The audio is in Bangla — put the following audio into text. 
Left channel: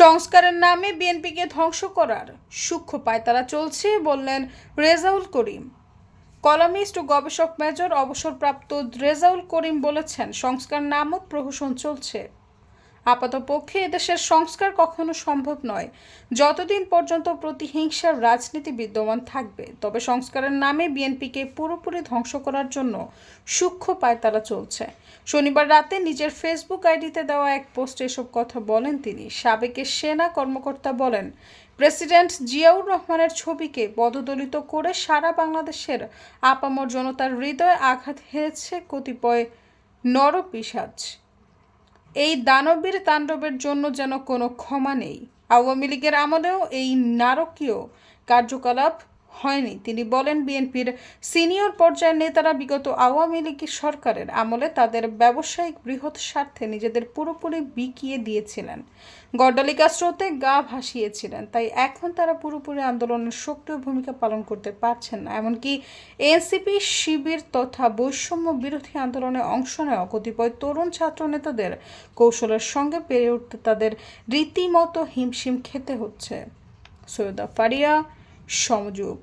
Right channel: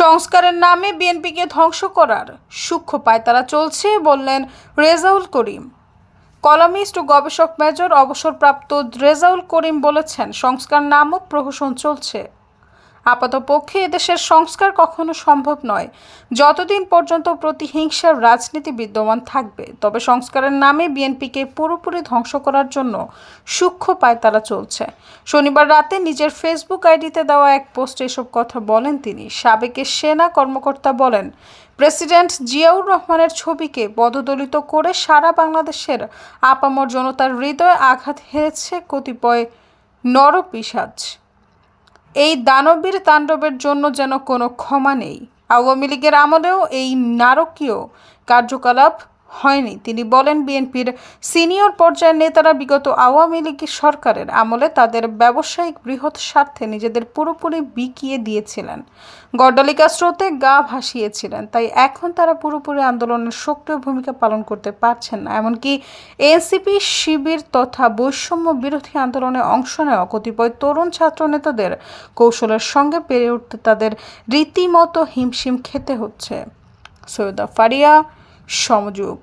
সংস্কারের নামে বিএনপিকে ধ্বংস করার সূক্ষ্ম পায়তারা চলছে বললেন রেজাউল করিম। কলামিস্ট ও গবেষক মেজর অবসরপ্রাপ্ত রেজাউল করিম বলেছেন, সংস্কার নামক প্রহসন চলছে। আপাতপক্ষে এদেশের সংস্কার কখনো সম্ভব নয় যতদিন পর্যন্ত প্রতিহিংসার রাজনীতি বিদ্যমান থাকবে। তবে সংস্কারের নামে বিএনপিকে পুরোপুরি ধ্বংস করার জন্য সূক্ষ্ম পায়তারা চলছে। শনিবার রাতে নিজের ফেসবুক আইডিতে দেওয়া এক পোস্টে এসব কথা বলেন তিনি। সাবেক সেনা কর্মকর্তা বলেন, প্রেসিডেন্ট জিয়াউর রহমানের ছবিকে পদদলিত করে সারা বাংলাদেশের আপামর জনতার হৃদয়ে আঘাত হেনেছে কতিপয় নরপিশাচ। এই দানবীর তাণ্ডবের জন্য যেন কোনো ক্ষমা নেই। আওয়ামী লীগের আমলেও এই নারকীয় কার্যকলাপ হয়নি। তিনি বলেন, বিএনপির সিনিয়র পর্যায়ের নেতারা বিগত আওয়ামী লীগ সরকারের আমলে তাদের ব্যবসায়িক বৃহৎ স্বার্থে নিজেদের পুরোপুরি বিকিয়ে দিয়েছিলেন, গড্ডালিকা স্রোতে গা ভাসিয়েছিলেন। তাই এখন তারা পুরোপুরি আন্দোলনের সক্রিয় ভূমিকা পালন করতে পারছেন না। এমনকি এনসিপি, শিবির তথা বৈষম্য বিরোধী আন্দোলনে অংশ নেওয়া কতিপয় তরুণ ছাত্র নেতাদের কৌশলের সঙ্গে পেরে উঠতে তাদের রীতিমতো হিমশিম খেতে হচ্ছে। সৈয়দা ফারিয়া, সমযোগ।